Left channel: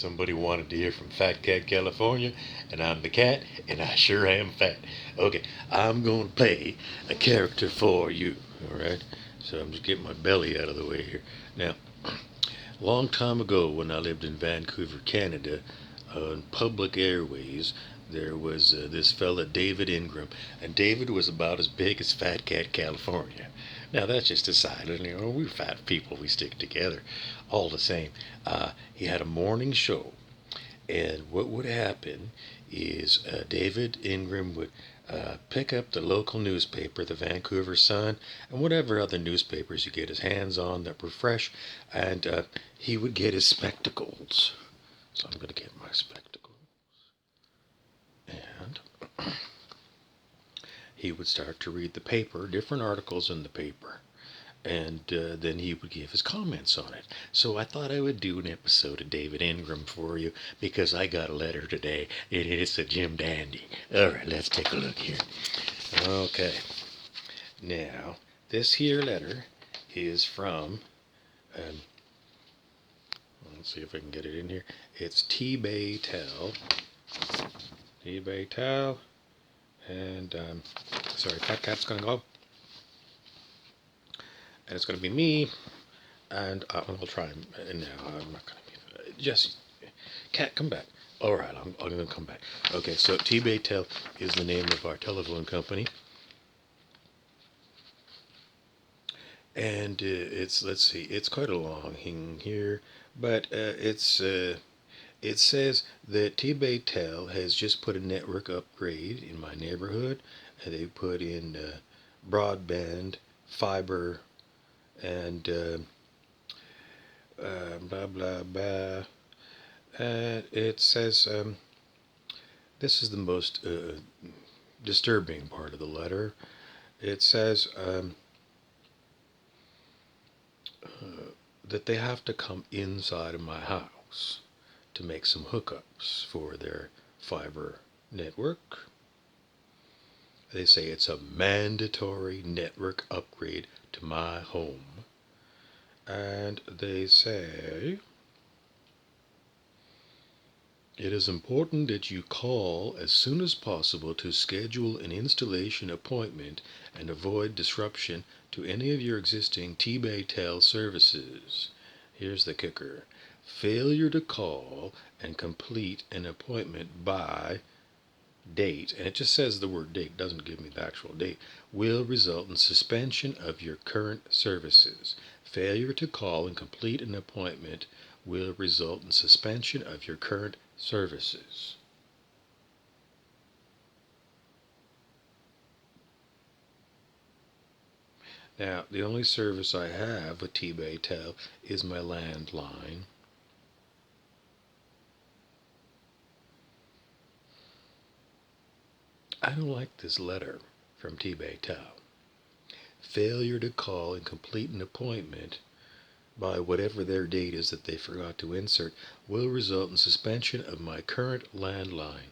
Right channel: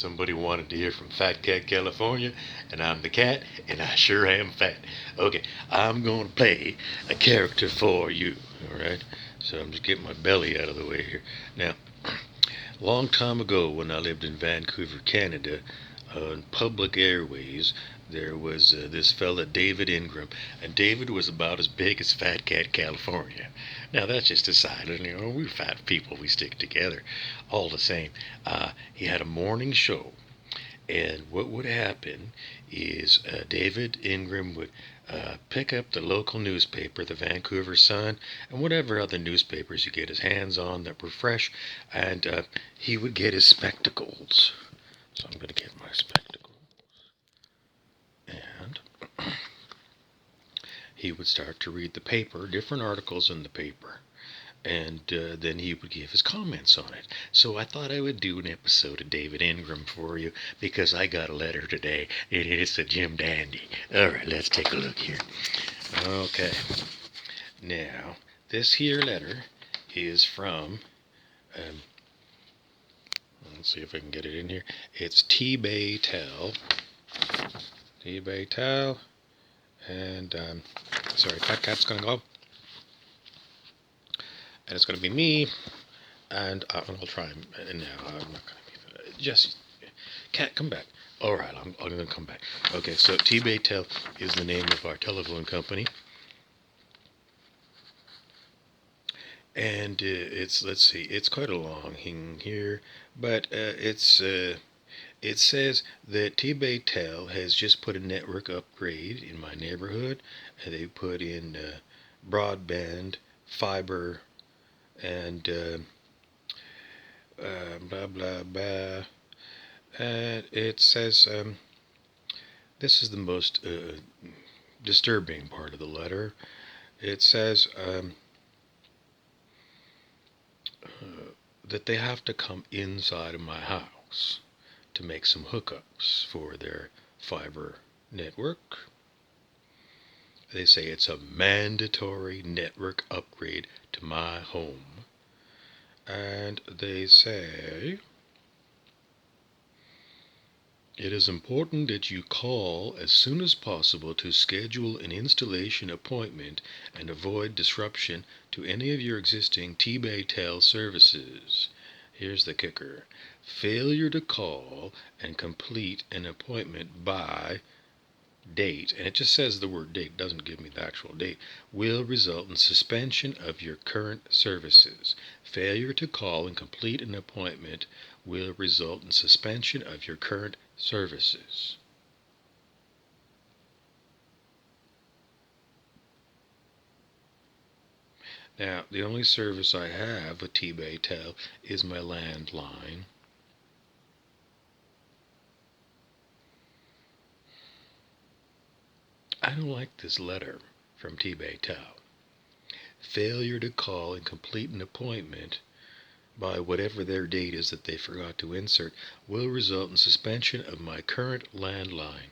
Somebody wanted to hear from Fat Cat California, and I'm the cat, and I sure am fat. Okay, I'm going to play a character for you, alright? So I'm just getting my belly out of the way here. Now, a long time ago when I lived in Vancouver, Canada, on public airways, there was this fella, David Ingram, and David was about as big as Fat Cat California. Now that's just a side, we're fat people, we stick together, all the same. He had a morning show, and what would happen is David Ingram would pick up the local newspaper, the Vancouver Sun, and whatever other newspapers he get his hands on that were fresh, and he would get his spectacles. So I'm going to get my spectacles. And he would start to read the paper, different articles in the paper, and then he would give his comments on it. So I thought I would do an episode of David Ingram for you because I got a letter today, and it's a Jim Dandy. All right, let's take a look here. Okay, now this here letter is from. Um, let's see if I can get it in here. It's T-Bay Tell. T-Bay Tell. And, sorry, Fat Cat's gonna go. And it's gonna be me. And I'll try. No, I'm not gonna be. Jesse, Cat, come back. All right, I'm gonna come back. Okay, so T-Bay Tell is the name of our telephone company. And let's see, it's quite a long thing here, but it says that T-Bay Tel has just put a network upgrade in my neighborhood. They put in broadband, fiber, and blah blah blah. And it says this is the most disturbing part of the letter. It says that they have to come inside of my house to make some hookups for their fiber network. They say it's a mandatory network upgrade to my home. And they say it is important that you call as soon as possible to schedule an installation appointment and avoid disruption to any of your existing T-Bay Tel services. Here's the kicker. Failure to call and complete an appointment by date, and it just says the word date, doesn't give me the actual date, will result in suspension of your current services. Failure to call and complete an appointment will result in suspension of your current services. Now, the only service I have with T-Bay Tel is my landline. I don't like this letter from T-Bay Tel. Failure to call and complete an appointment by whatever their date is that they forgot to insert will result in suspension of my current landline.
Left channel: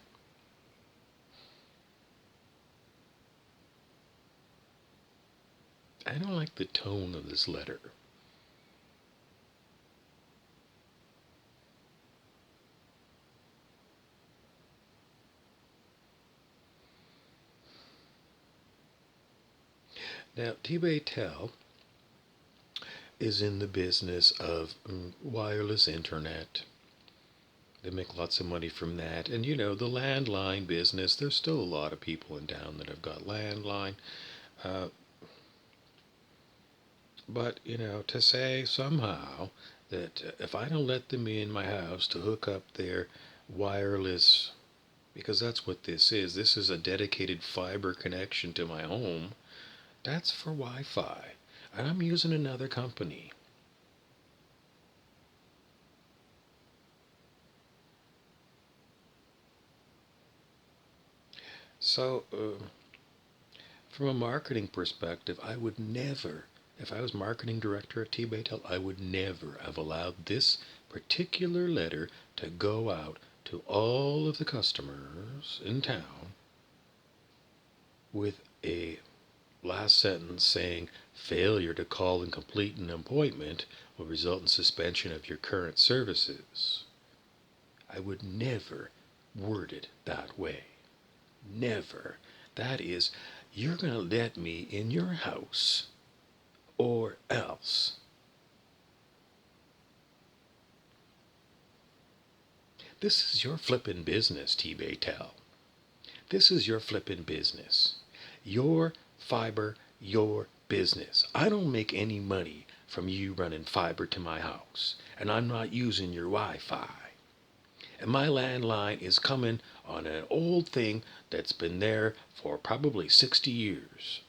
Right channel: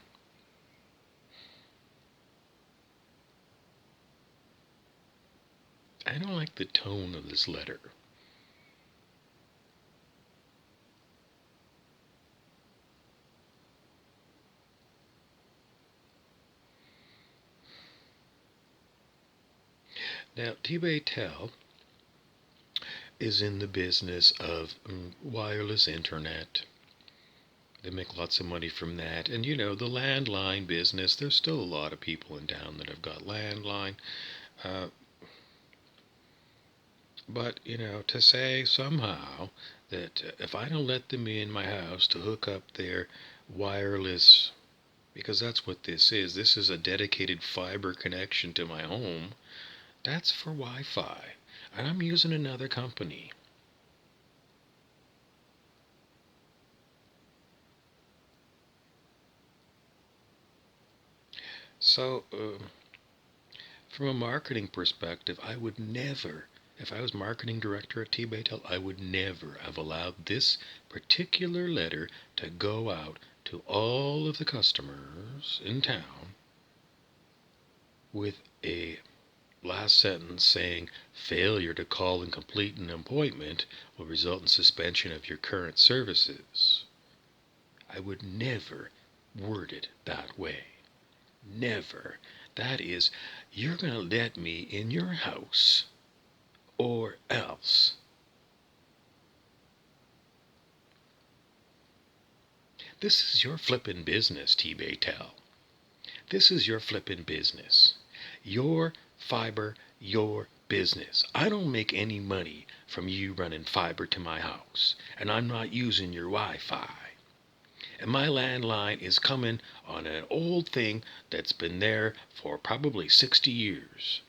I don't like the tone of this letter. Now, T-Bay Tel is in the business of wireless internet. They make lots of money from that. And the landline business, there's still a lot of people in town that have got landline. Uh, but, to say somehow that if I don't let them in my house to hook up their wireless, because that's what this is a dedicated fiber connection to my home, that's for Wi-Fi. And I'm using another company. So, from a marketing perspective, I would never, if I was marketing director at T-Bay Tel, I would never have allowed this particular letter to go out to all of the customers in town with a last sentence saying failure to call and complete an appointment will result in suspension of your current services. I would never word it that way. Never. That is, you're going to let me in your house or else. This is your flippin' business, T-Baytel. This is your flippin' business. Your fiber, your business. I don't make any money from you running fiber to my house, and I'm not using your Wi-Fi. And my landline is coming on an old thing that's been there for probably 60 years.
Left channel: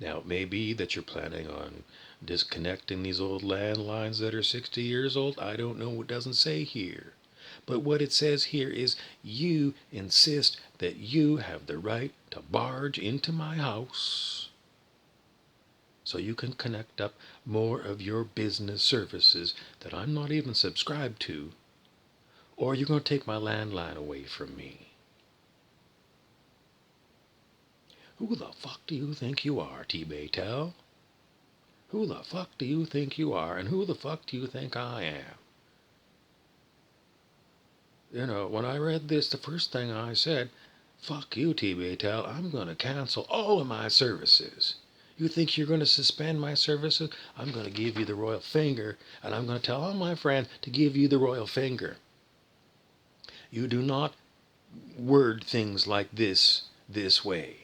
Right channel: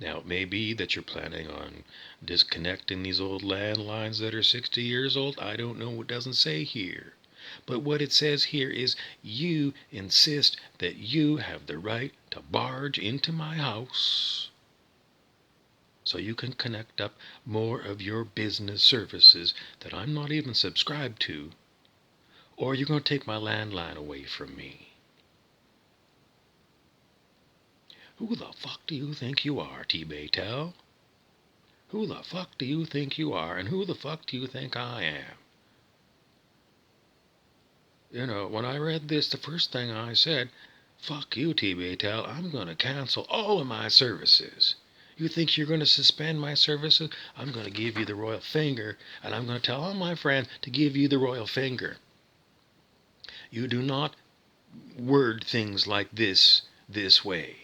Now, it may be that you're planning on disconnecting these old landlines that are 60 years old. I don't know. It doesn't say here. But what it says here is you insist that you have the right to barge into my house so you can connect up more of your business services that I'm not even subscribed to, or you're going to take my landline away from me. Who the fuck do you think you are, T-Baytel? Who the fuck do you think you are, and who the fuck do you think I am? You know, when I read this, the first thing I said, fuck you, T-Baytel, I'm going to cancel all of my services. You think you're going to suspend my services? I'm going to give you the royal finger, and I'm going to tell all my friends to give you the royal finger. You do not word things like this way.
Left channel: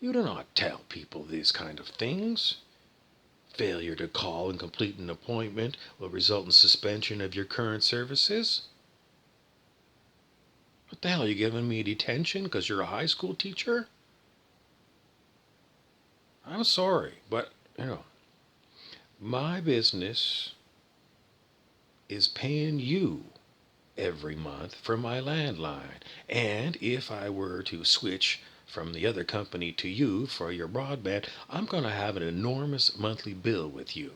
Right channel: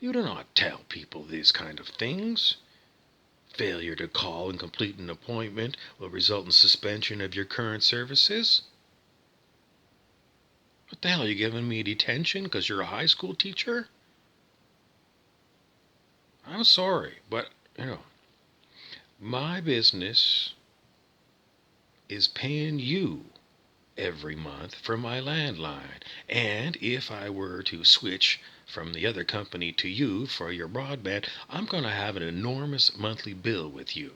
You do not tell people these kind of things. Failure to call and complete an appointment will result in suspension of your current services. What the hell, are you giving me detention because you're a high school teacher? I'm sorry, but, my business is paying you every month for my landline. And if I were to switch from the other company to you for your broadband, I'm going to have an enormous monthly bill with you.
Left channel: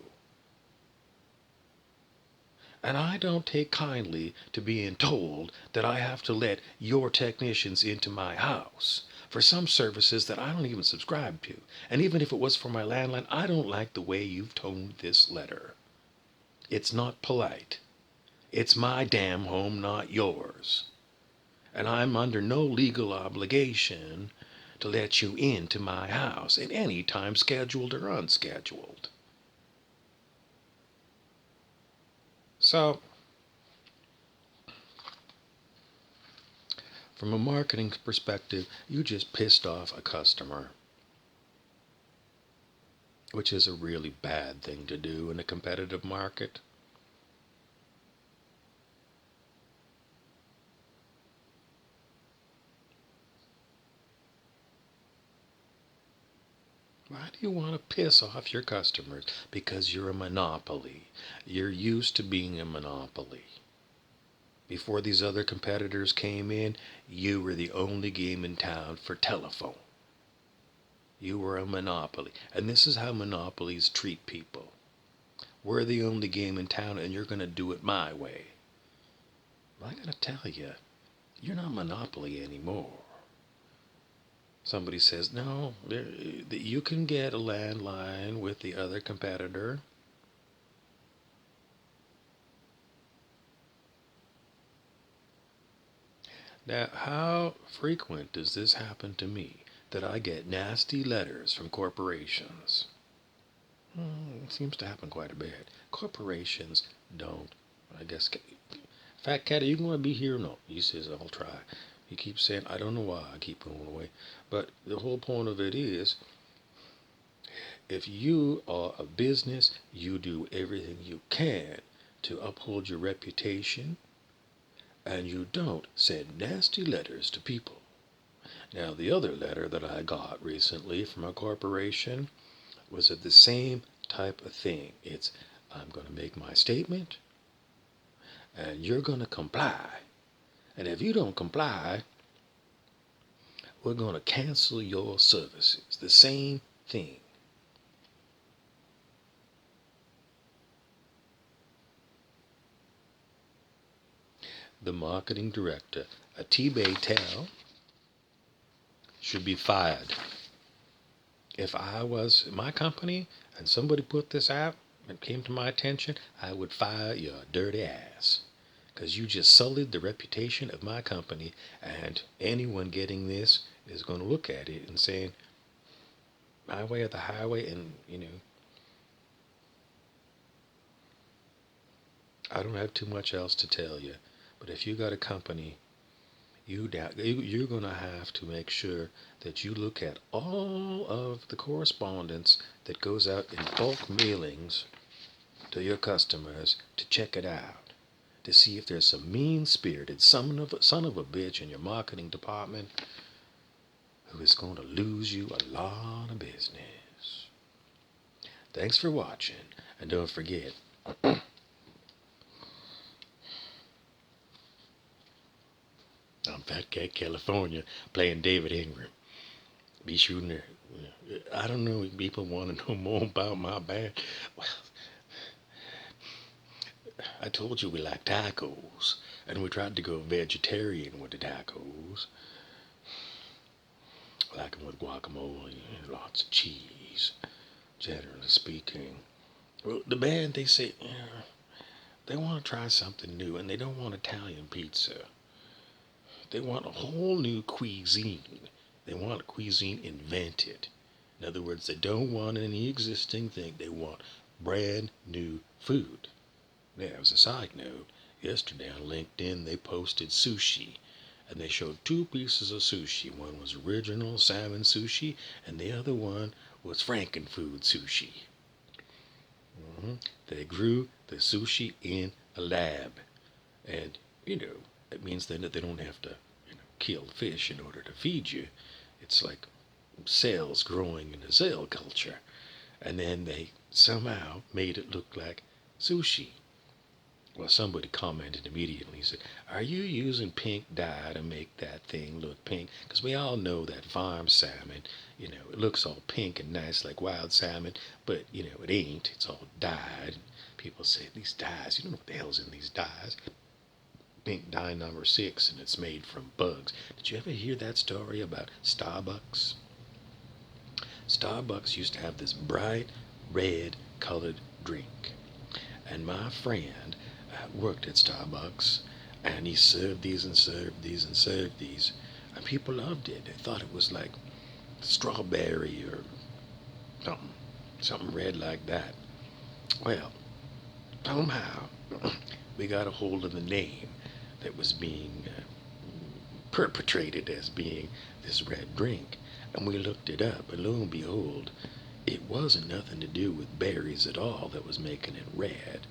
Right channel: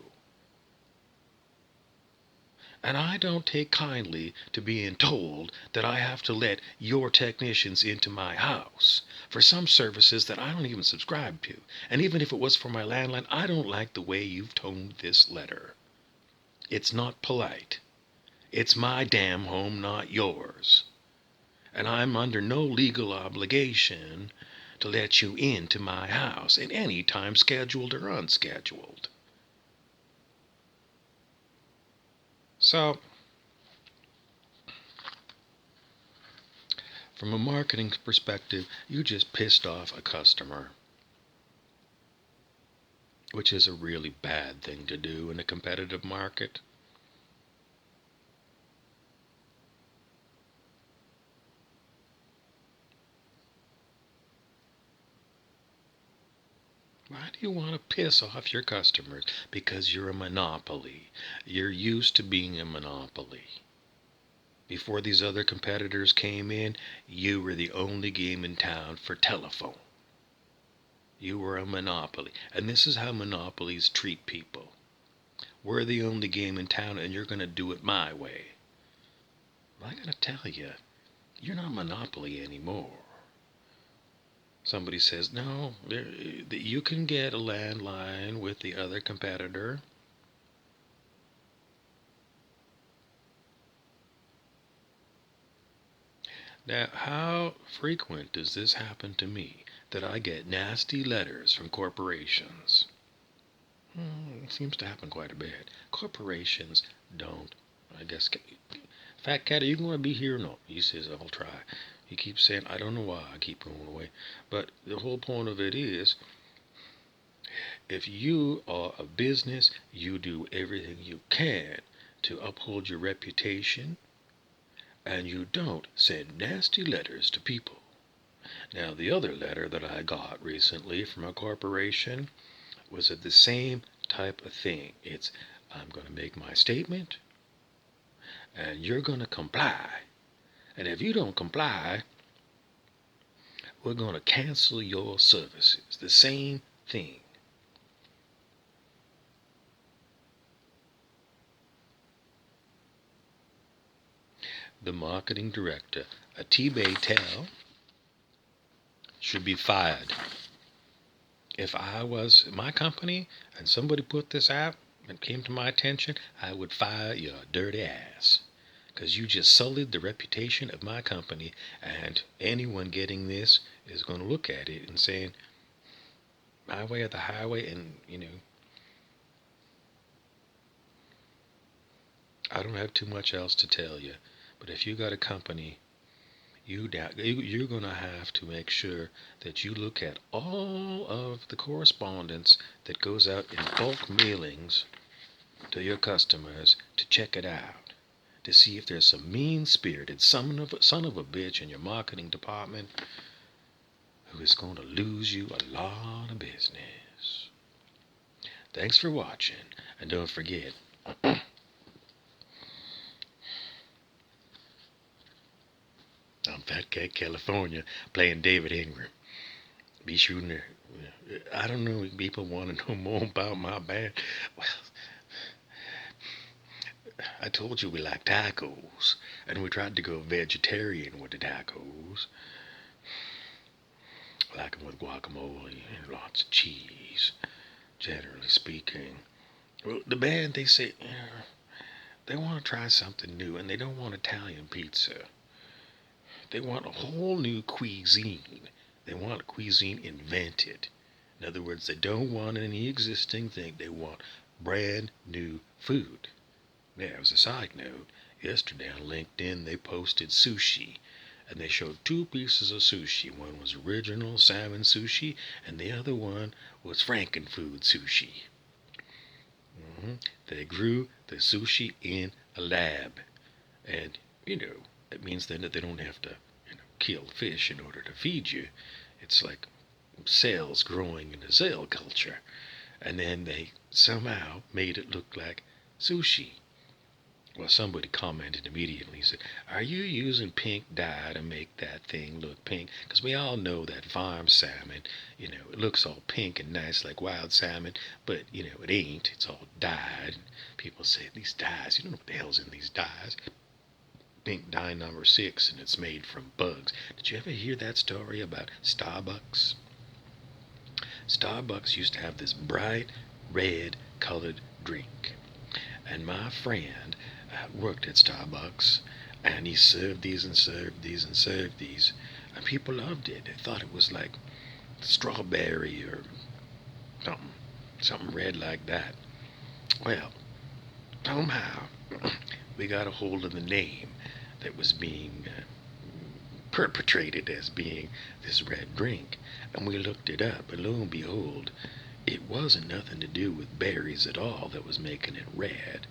And I don't take kindly to being told that I have to let your technicians into my house for some services that I don't even subscribe to. And even if it was for my landline, I don't like the way you've toned this letter. It's not polite. It's my damn home, not yours. And I'm under no legal obligation to let you into my house at any time, scheduled or unscheduled. So, from a marketing perspective, you just pissed off a customer, which is a really bad thing to do in a competitive market. Why do you want to piss off your customers? Because you're a monopoly. You're used to being a monopoly. Before these other competitors came in, you were the only game in town for telephone. You were a monopoly. And this is how monopolies treat people. We're the only game in town, and you're going to do it my way. I got to tell you, you're not monopoly anymore. Somebody says, no, you can get a landline with the other competitor. Now, how frequent does this happen to me, that I get nasty letters from corporations? It seems to happen quite a bit. Corporations don't, I guess. Fat Cat, are you going to be here? No. He says, I'll try. He keeps saying, I don't know why I keep going away. But the whole point of it is, if you are a business, you do everything you can to uphold your reputation, and you don't send nasty letters to people. Now, the other letter that I got recently from a corporation was of the same type of thing. It's, I'm going to make my statement, and you're going to comply. And if you don't comply, we're going to cancel your services. The same thing. The marketing director, a T-Baytel, should be fired. If I was my company and somebody put this out, and came to my attention, I would fire your dirty ass. Because you just sullied the reputation of my company, and anyone getting this is going to look at it and saying, my way or the highway, and, I don't have too much else to tell you. But if you got a company, you're going to have to make sure that you look at all of the correspondence that goes out in bulk mailings to your customers to check it out, to see if there's some mean-spirited son of a bitch in your marketing department who is going to lose you a lot of business. Thanks for watching, and don't forget, I'm Fat Cat California playing David Ingram. Be sure to, I don't know if people want to know more about my band. Well, I told you we like tacos, and we tried to go vegetarian with the tacos. Like them with guacamole and lots of cheese, generally speaking. Well, the band, they say, they want to try something new, and they don't want Italian pizza. They want a whole new cuisine. They want a cuisine invented. In other words, they don't want any existing thing. They want brand new food. Now, as a side note, yesterday on LinkedIn they posted sushi. And they showed two pieces of sushi. One was original salmon sushi, and the other one was Frankenfood sushi. They grew the sushi in a lab. And, it means then that they don't have to, kill fish in order to feed you. It's like cells growing in a cell culture. And then they somehow made it look like sushi. Well, somebody commented immediately. He said, "Are you using pink dye to make that thing look pink? Because we all know that farm salmon, it looks all pink and nice like wild salmon, but, it ain't. It's all dyed." People say, these dyes, you don't know what the hell's in these dyes. Pink dye number 6, and it's made from bugs. Did you ever hear that story about Starbucks? Starbucks used to have this bright red colored drink. And my friend worked at Starbucks, and he served these and served these and served these, and people loved it. They thought it was like strawberry or something red like that. Well, somehow we got a hold of the name that was being perpetrated as being this red drink, and we looked it up, and lo and behold, it wasn't nothing to do with berries at all that was making it red.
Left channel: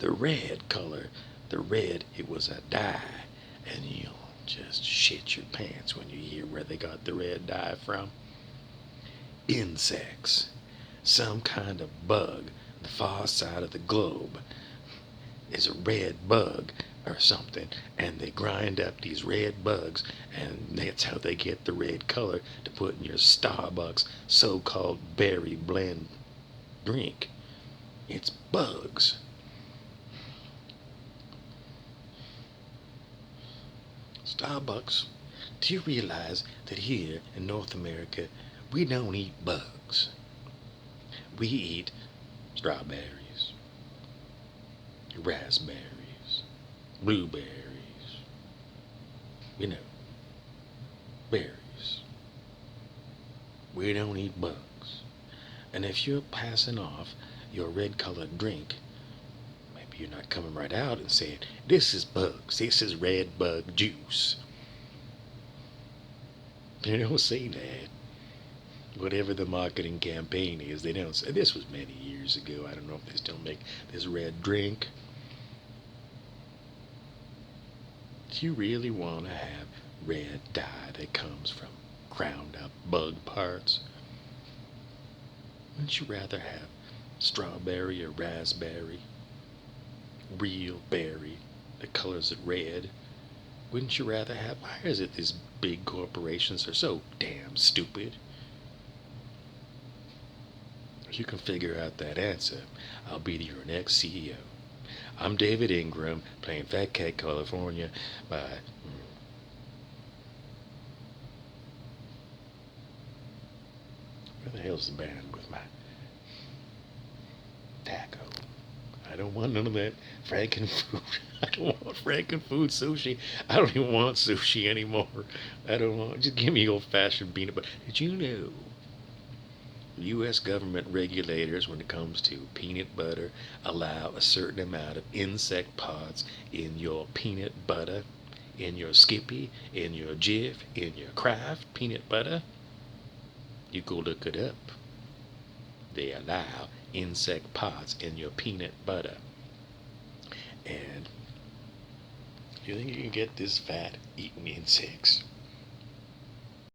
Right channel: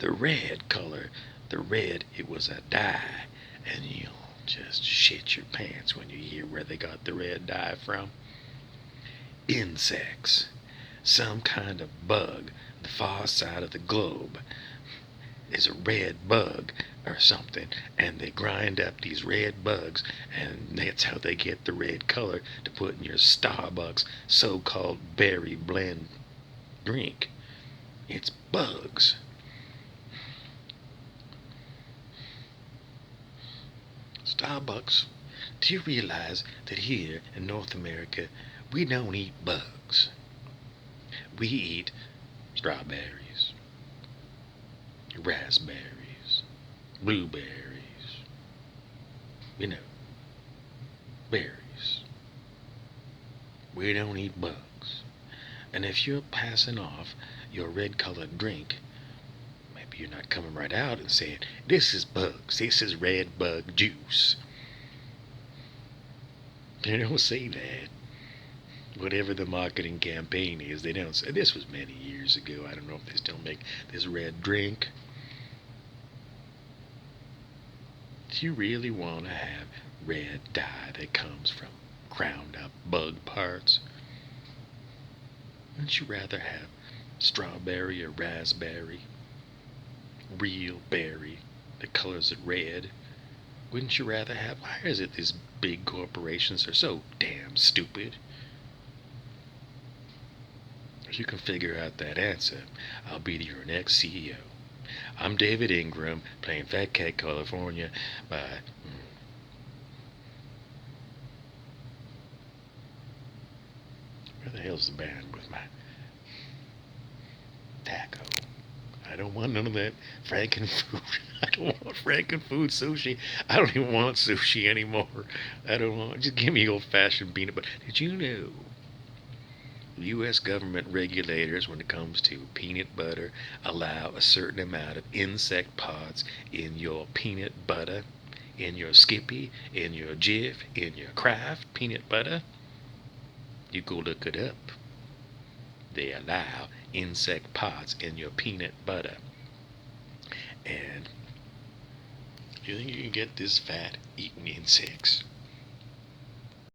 The red color, it was a dye, and you'll just shit your pants when you hear where they got the red dye from. Insects. Some kind of bug. The far side of the globe is a red bug or something, and they grind up these red bugs, and that's how they get the red color to put in your Starbucks so-called berry blend drink. It's bugs. Starbucks, do you realize that here in North America we don't eat bugs? We eat strawberries, raspberries, blueberries, berries. We don't eat bugs. And if you're passing off your red colored drink, maybe you're not coming right out and saying, "This is bugs, this is red bug juice." They don't say that. Whatever the marketing campaign is, they don't say. This was many years ago. I don't know if they still make this red drink. Do you really want to have red dye that comes from ground up bug parts? Wouldn't you rather have strawberry or raspberry, real berry that colors it red? Wouldn't you rather have? Why is it these big corporations are so damn stupid? If you can figure out that answer, I'll be your next CEO. I'm David Ingram, playing Fat Cat California by... Where the hell's the band with my... taco. I don't want none of that Frankenfood. I don't want Frankenfood sushi. I don't even want sushi anymore. I don't want. Just give me old-fashioned peanut butter. Did you know U.S. government regulators, when it comes to peanut butter, allow a certain amount of insect pods in your peanut butter, in your Skippy, in your Jif, in your Kraft peanut butter? You go look it up. They allow insect pods in your peanut butter. And you think you can get this fat eating insects?